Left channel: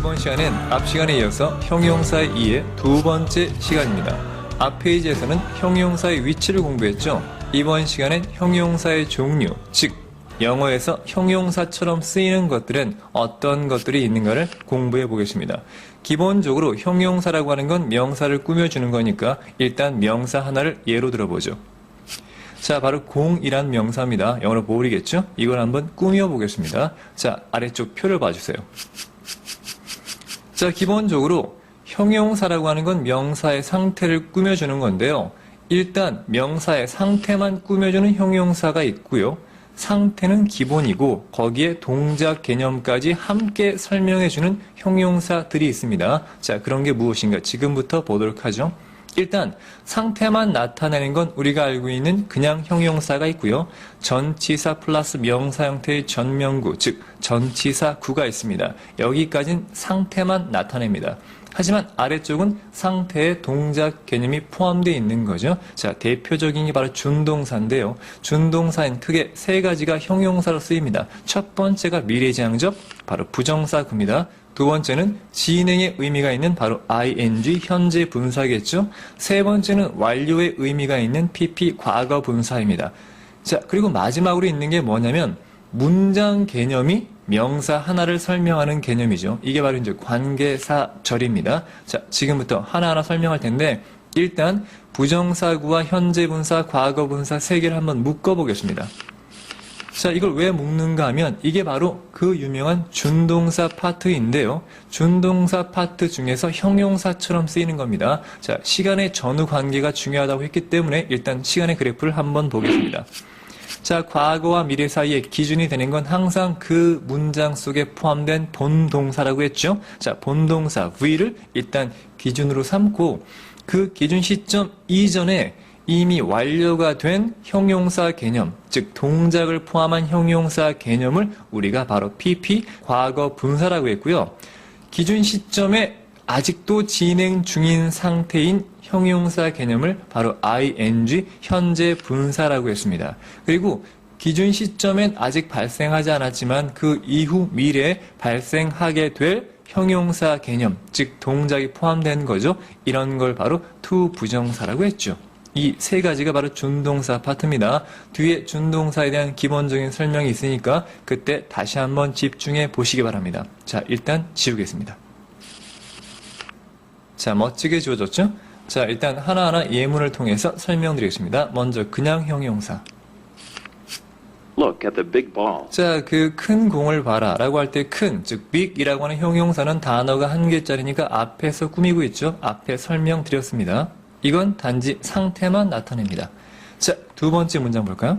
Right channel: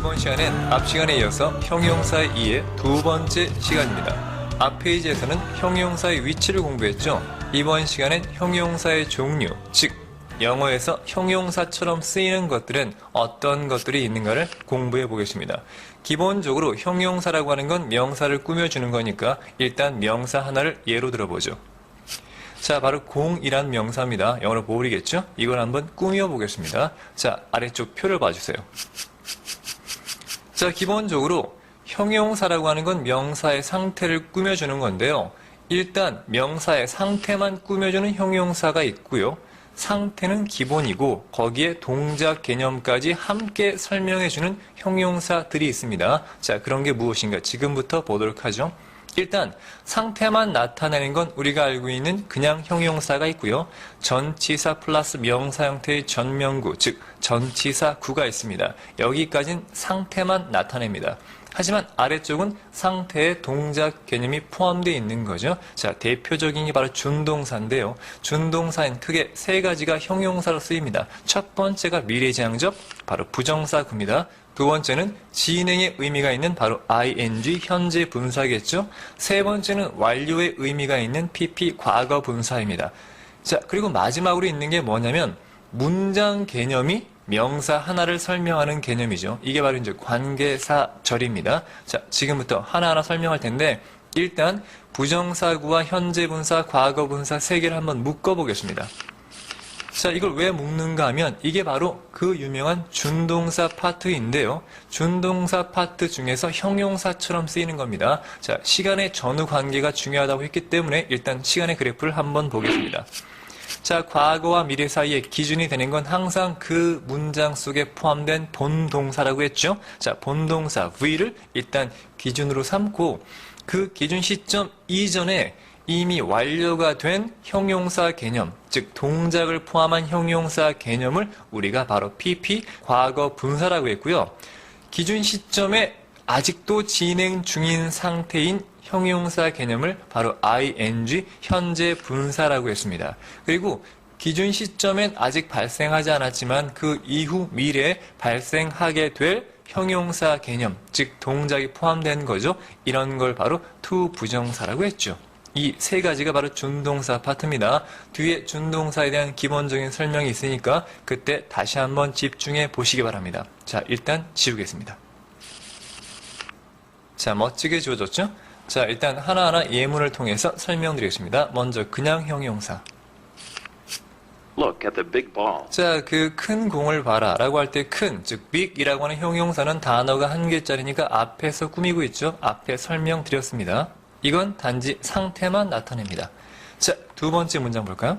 이번 시간엔 앞 시간에 이어서 형용사 2의 두 번째 시간입니다. 앞 페이지에서는 형용사의 위치를 공부했죠. 이번 시간엔 형용사의 종류, 즉 영어에서 형용사처럼 쓰이는 것들은 어떤 것들이 있는가를 공부해 보겠습니다. 기본적으로 형용사라고 하는 건 명사를 꾸며주는 거니까 일단 명사 하나를 예로 들어보죠. 자, 바로 공이란 명사입니다. 영어로 볼이겠죠? 이걸 한번 꾸며 보겠습니다. 자, 아래쪽 표를 봐주세요. 자, 기본적으로 형용사라고 하는 건 명사의 상태를 꾸며주는 건데요. 일단 명사의 상태만 꾸며주는 형용사가 있고요. 상태는 기본이고 거기에 동작 개념까지 함께 설명해주는 형용사들이 있습니다. 자, 그런 게 무엇인가 지금부터 보도록 하죠. 일단 상태만 나타내는 건 우리가 알고 있는 그냥 형용사가 있고요. 전치사 플러스 명사 형태의 전명구, 즉 전치사구가 있습니다. 여기까지는 상태만 나타냅니다. 하지만 아래쪽은 상태의 동작 개념이 포함되어 있는 거죠. 자, 대표적인 게 바로 준동사인데요. 준동사엔 크게 세 가지가 형용사로 쓰입니다. 첫 번째가 미래지향적, 바로 부정사구입니다. 두 번째는 진행의 의미가 있는 바로 ing, 현재 분사겠죠. 세 번째는 완료의 의미가 있는 pp, 과거 분사입니다. 자, 그리고 마지막으로 있는 게 뭐냐면 문장 개념이 명사 하나를 설명하는 개념이죠. 이게 바로 이제 관계사절입니다. 자, 지금부터 하나하나 설명할 텐데 일단 부정사구와 현재 분사, 과거 분사 세 개를 한번 묶어보겠습니다. 자, 이걸 왜 묶는가 하면 이게 바로 그 유명한 준동사 파트인데요. 준동사 파트 중에서 형용사처럼 쓰이는 겁니다. 자, 시간의 전후 관계가 중요하다고 했기 때문에 일단 시간의 그래프를 한번 보겠습니다. 자, 과거와 미래 사이에 기준이 되는 건 항상 그 문장 속에 포함된 본동사라고 했죠. 자, 본동사 V를 일단 기준으로 삼고 그 기준 시점 이전에 이미 완료가 된 형용사 개념, 즉 동작을 포함한 형용사 개념을 우리가 바로 PP, 과거 분사라고 했고요. 기준 시점에 아직도 진행 중인 상태인 형용사 개념을 바로 ing, 현재 분사라고 했습니다. 그리고 기준 시점엔 아직 발생하지 않았지만 그 이후 미래에 발생하게 될 형용사 개념, 즉 동작이 포함된 거죠. 이런 걸 바로 to 부정사라고 했죠. 이 세 가지가 바로 준동사 파트입니다. 뒤에 준동사에 대한 기본적인 설명이 있으니까 그때 다시 한번 집중해 보시기 바랍니다. 자, 일단 지우겠습니다. 자, 멋지게 지워졌죠? 자, 일단 하나하나 예문을 통해서 설명드리겠습니다. 먼저 그냥 형용사. Look at the big ball. 자, 그 큰 공을 봐라 라고 할 때 큰, 즉 big이라고 하는 형용사는 단어가 한 개짜리니까 앞에서 꾸미고 있죠. 앞에 설명드렸습니다. 이건 단지 상태만 나타냅니다. 자, 두 번째 문장 볼까요?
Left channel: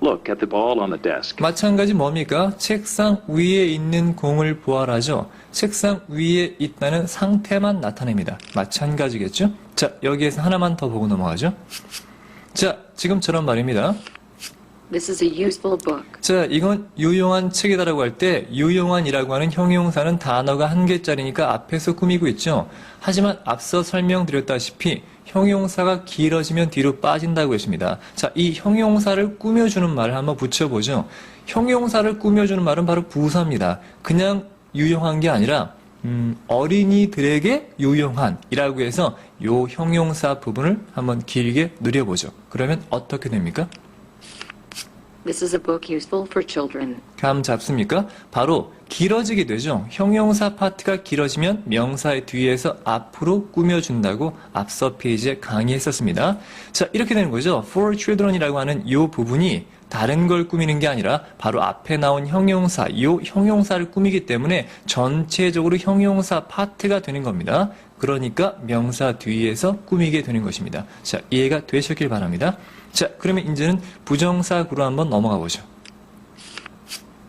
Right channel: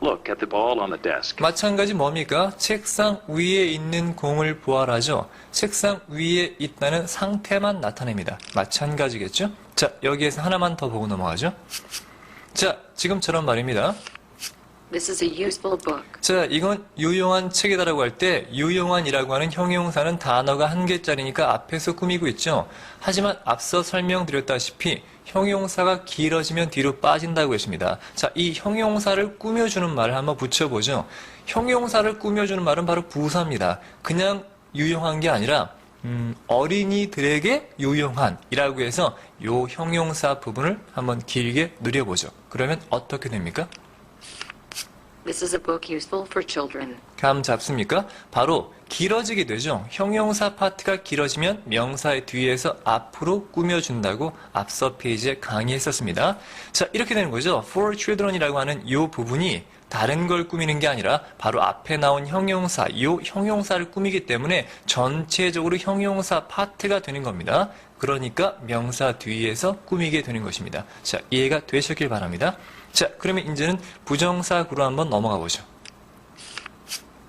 Look at the ball on the desk. 마찬가지 뭡니까? 책상 위에 있는 공을 보아라죠. 책상 위에 있다는 상태만 나타냅니다. 마찬가지겠죠? 자, 여기에서 하나만 더 보고 넘어가죠. 자, 지금처럼 말입니다. This is a useful book. 자, 이건 유용한 책이다라고 할 때 유용한이라고 하는 형용사는 단어가 한 개짜리니까 앞에서 꾸미고 있죠. 하지만 앞서 설명드렸다시피 형용사가 길어지면 뒤로 빠진다고 했습니다. 자, 이 형용사를 꾸며주는 말을 한번 붙여보죠. 형용사를 꾸며주는 말은 바로 부사입니다. 그냥 유용한 게 아니라 어린이들에게 유용한이라고 해서 요 형용사 부분을 한번 길게 누려보죠. 그러면 어떻게 됩니까? This is a book useful for children. 감 잡습니까? 바로 길어지게 되죠. 형용사 파트가 길어지면 명사의 뒤에서 앞으로 꾸며준다고 앞서 페이지에 강의했었습니다. 자, 이렇게 되는 거죠. For children이라고 하는 이 부분이 다른 걸 꾸미는 게 아니라 바로 앞에 나온 형용사, 이 형용사를 꾸미기 때문에 전체적으로 형용사 파트가 되는 겁니다. 그러니까 명사 뒤에서 꾸미게 되는 것입니다. 자, 이해가 되셨길 바랍니다. 자, 그러면 이제는 부정사구로 한번 넘어가 보죠.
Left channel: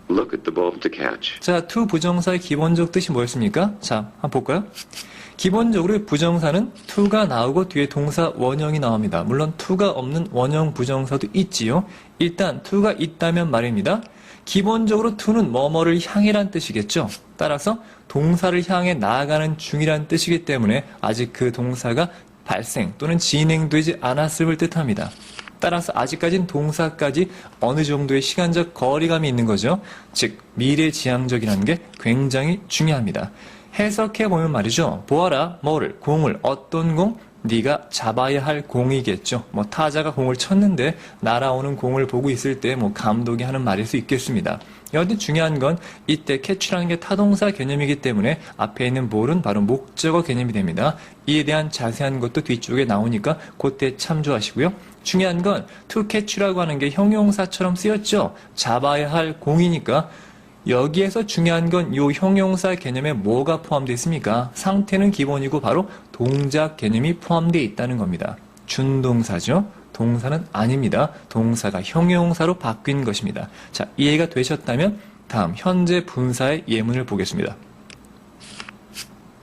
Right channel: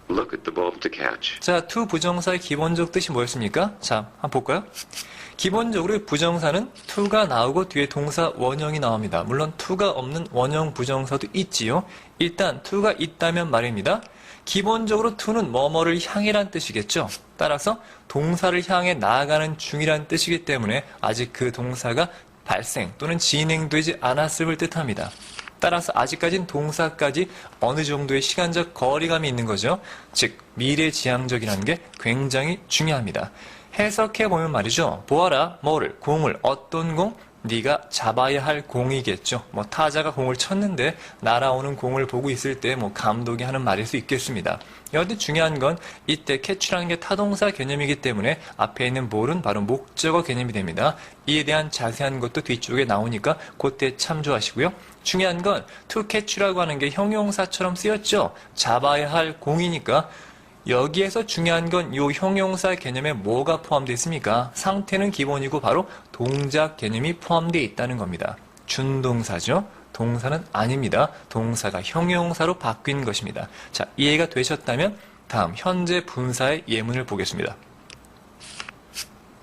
Look at the ball to catch. 자, to 부정사의 기본적 뜻이 뭐였습니까? 자, 한번 볼까요? 기본적으로 부정사는 to가 나오고 뒤에 동사 원형이 나옵니다. 물론 to가 없는 원형 부정사도 있지요. 일단 to가 있다면 말입니다. 기본적으로 to는 뭐뭐를 향해란 뜻이겠죠. 따라서 동사를 향해 나아가는 중이란 뜻이기 때문에 아직 그 동사가 발생 또는 진행되지 않았음을 뜻합니다. 따라서 아직까진 동사까지 어느 정도의 시간적 거리감이 있는 거죠. 즉 미래지향적이라는 게 굉장히 중요합니다. 해석해보면 말이죠. 보아라, 뭐를, 공을, 어떤 공? 네가 잡아야 할 공이겠죠. 뭐 타자가 공을 쳤는데 날아오는 공을 보고 있을 때 뭐 감독이 하는 말일 수 있겠습니다. 여하튼 중요한 건 이때 catch라는 게 타동사 개념이기 때문에 앞에 있는 볼은 바로 목적어 개념이 됩니다. 이에 대한 자세한 것도 뒤쪽에 나오니까 그때 참조하시고요. 중요한 건 to catch라고 하는 게 형용사처럼 쓰였죠. 잡아야 할 공이니까 여기에서 중요한 건 이 형용사 개념에 뭐가 포함되어 있습니까? 상태는 기본이고 바로 동작 개념이 포함되어 있다는 겁니다. 준동사죠. 동사는 아닙니다. 동사가 형용사로 바뀐 것입니다. 자, 이해가 되셨다면 다음 현재 분사의 예문을 보겠습니다.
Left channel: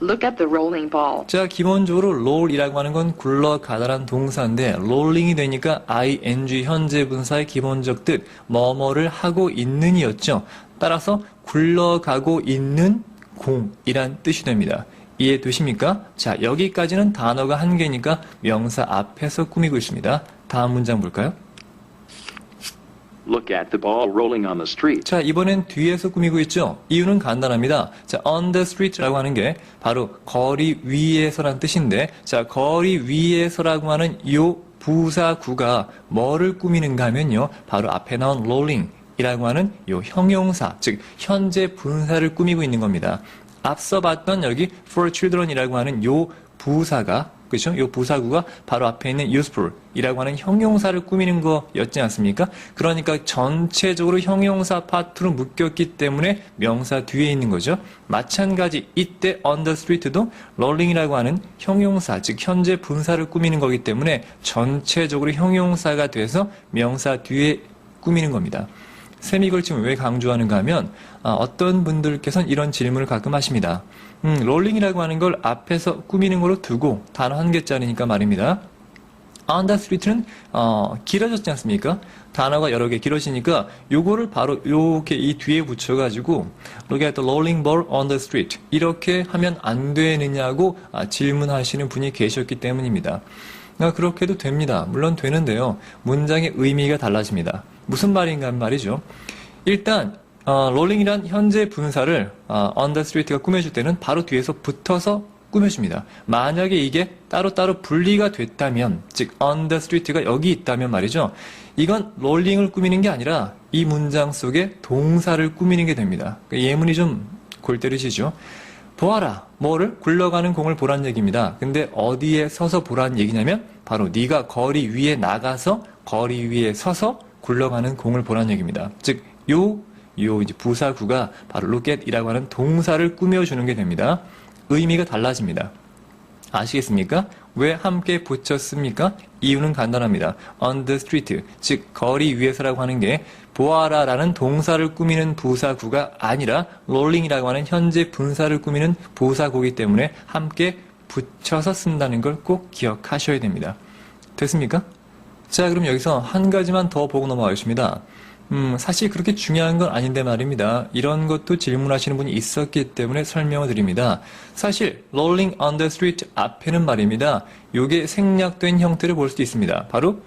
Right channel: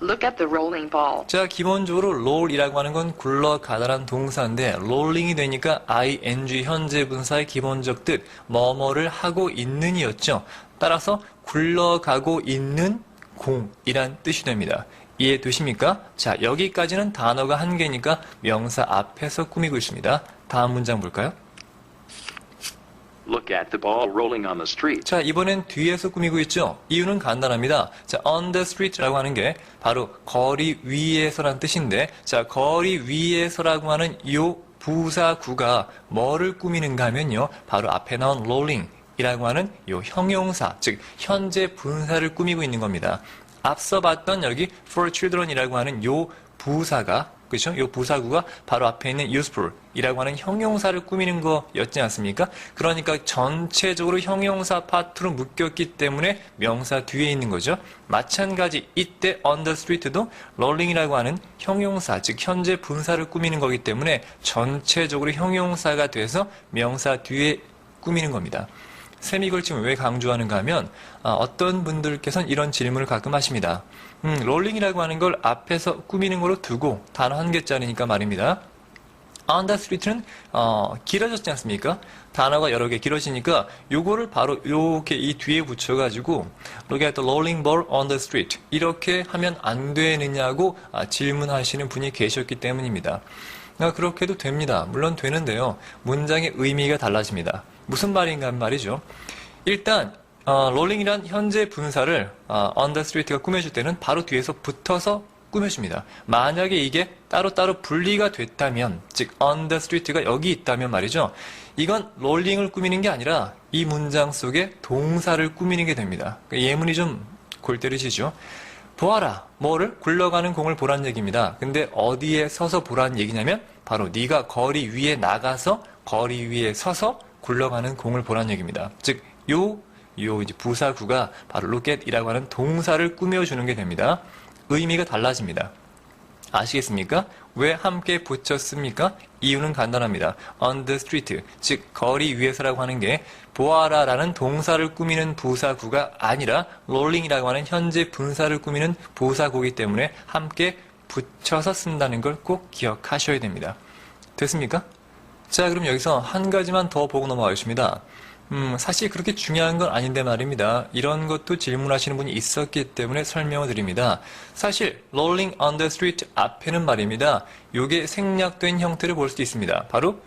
Look at the rolling ball. 자, 기본적으로 roll이라고 하는 건 굴러가다란 동사인데 rolling이 되니까 ing 현재 분사의 기본적 뜻 뭐뭐를 하고 있는이었죠. 따라서 굴러가고 있는 공이란 뜻이 됩니다. 이해되십니까? 자, 여기까지는 단어가 한 개니까 명사 앞에서 꾸미고 있습니다. 다음 문장 볼까요? Look at the ball rolling on the street. 자, 이번엔 뒤에서 꾸미고 있죠? 이유는 간단합니다. 자, on the street라고 하는 게 바로 거리 위에서란 뜻인데, 자, 거리 위에서라고 하는 이 부사구가 뭐를 꾸미는가 하면요. 바로 앞에 나온 rolling 이라고 하는 이 형용사, 즉 현재 분사를 꾸미고 있는 겁니다. 앞서 봤던 여기 for children이라고 하는 요 부사가 그렇죠? 요 부사구가 바로 앞에 있는 useful이라고 하는 형용사를 꾸미는 거였지 않습니까? 그러니까 전체적으로 형용사 파트로 묶였기 때문에 명사 뒤에 있는 거죠. 마찬가지 이때 on the street도 rolling이라고 하는 형용사, 즉 현재 분사를 꾸미는 거기 때문에 전체적으로 형용사가 돼서 명사 뒤에 꾸미는 겁니다. 셈이 걸침을 왜 강조하는가 하면 어떤 분들께서는 이런 질문을 가끔 하십니다. 롤링이라고 하는 걸 앞에서 꾸미는 걸로 두고 단어 한 개짜리니까 말입니다. on the street는 길어졌지 않습니까? 단어가 여러 개 길어지니까 요거를 바로 요렇게 이 뒤에 붙여가지고 look at the rolling ball on the street 이렇게 하면 안 되느냐고 질문하시는 분이 계셨기 때문입니다. 그렇게 해도 됩니다. 물론 되는데요. 문장의 의미가 달라집니다. 무슨 말인가 하면 말이죠. 일단 롤링이란 현재 분사를 on the street가 꾸며줄 때는 바로 뒤에서 붙어서 꾸며줍니다. 만약에 이게 따로따로 분리가 됐다면, 즉 on the street가 여기 있다면 말이죠. 이건 롤링을 꾸미는 게 아니라 이 문장 속에 동사를 꾸미는 게 됩니다. 예문이 좀 골 때리시죠. 보아라, 뭐를? 굴러가는 공을 보란 얘기입니다. 근데 어디에 서서 보란 얘기냐면 바로 네가 거리 위에 나가서 거리 위에 서서 굴러가는 공을 보란 얘기입니다. 즉, 요 이제 부사구가 바로 look at이라고 하는 동사를 꾸며주는 게 됩니다. 의미가 달라집니다. 아시겠습니까? 왜 함께 붙였습니까? 이유는 간단합니다. on the street, 즉 거리 위에서라고 하는 게 보아라라는 동사를 꾸미는 부사구가 아니라 rolling이라고 하는 현재 분사를 꾸미는 부사구이기 때문에 함께 붙여서 쓴다는 걸 꼭 기억하셔야 됩니다. 됐습니까? 자, 그럼 여기서 한 가지만 더 보고 넘어가겠습니다. 사실 그렇게 중요한 건 아닌데 말입니다. 이런 것도 질문하시는 분이 있었기 때문에 설명을 드립니다. 사실 rolling on the street 앞에는 말입니다. 요게 생략된 형태를 볼 수도 있습니다. 바로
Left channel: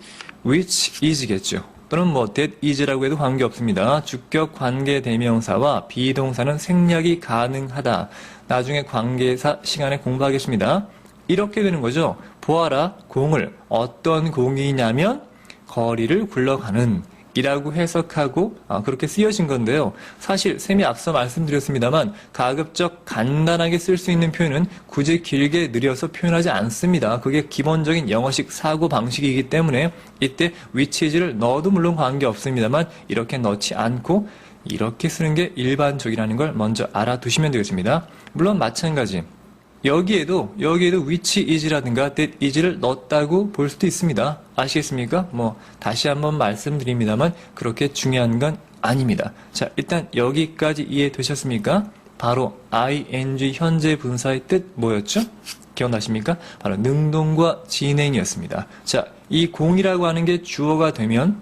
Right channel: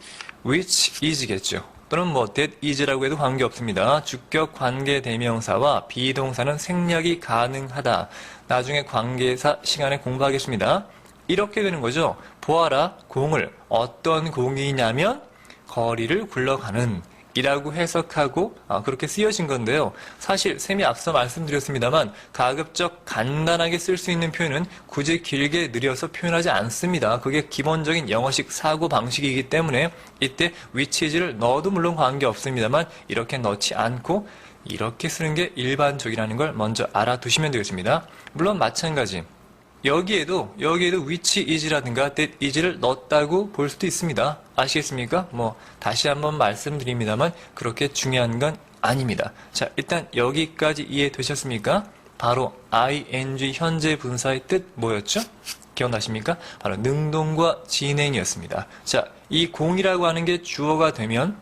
which is겠죠. 또는 뭐 that is라고 해도 관계없습니다. 주격 관계 대명사와 비동사는 생략이 가능하다. 나중에 관계사 시간에 공부하겠습니다. 이렇게 되는 거죠. 보아라, 공을. 어떤 공이냐면 거리를 굴러가는 이라고 해석하고 그렇게 쓰여진 건데요. 사실 쌤이 앞서 말씀드렸습니다만 가급적 간단하게 쓸 수 있는 표현은 굳이 길게 느려서 표현하지 않습니다. 그게 기본적인 영어식 사고 방식이기 때문에 이때 which is를 넣어도 물론 관계없습니다만 이렇게 넣지 않고 이렇게 쓰는 게 일반적이라는 걸 먼저 알아두시면 되겠습니다. 물론 마찬가지. 여기에도 which is라든가 that is를 넣었다고 볼 수도 있습니다. 아시겠습니까? 다시 한번 말씀드립니다만 그렇게 중요한 건 아닙니다. 자, 일단 여기까지 이해되셨습니까? 바로 ing 현재 분사의 뜻 뭐였죠? 기억나십니까? 바로 능동과 진행이었습니다. 자, 이 공이라고 하는 게 주어가 되면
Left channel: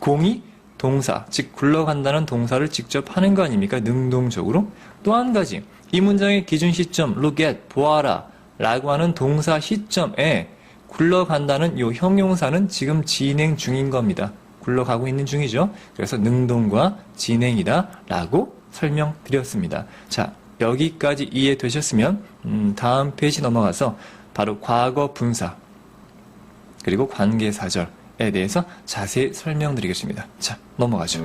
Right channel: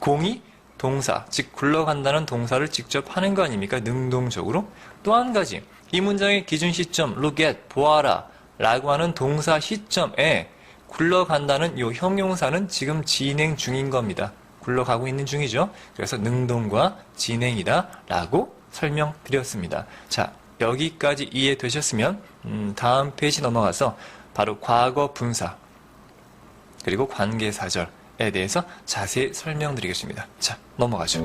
공이 동사, 즉 굴러간다는 동사를 직접 하는 거 아닙니까? 능동적으로. 또 한 가지, 이 문장의 기준 시점 look at, 보아라 라고 하는 동사 시점에 굴러간다는 이 형용사는 지금 진행 중인 겁니다. 굴러가고 있는 중이죠. 그래서 능동과 진행이다 라고 설명드렸습니다. 자, 여기까지 이해되셨으면 다음 페이지 넘어가서 바로 과거 분사 그리고 관계사절에 대해서 자세히 설명드리겠습니다. 자, 넘어가죠.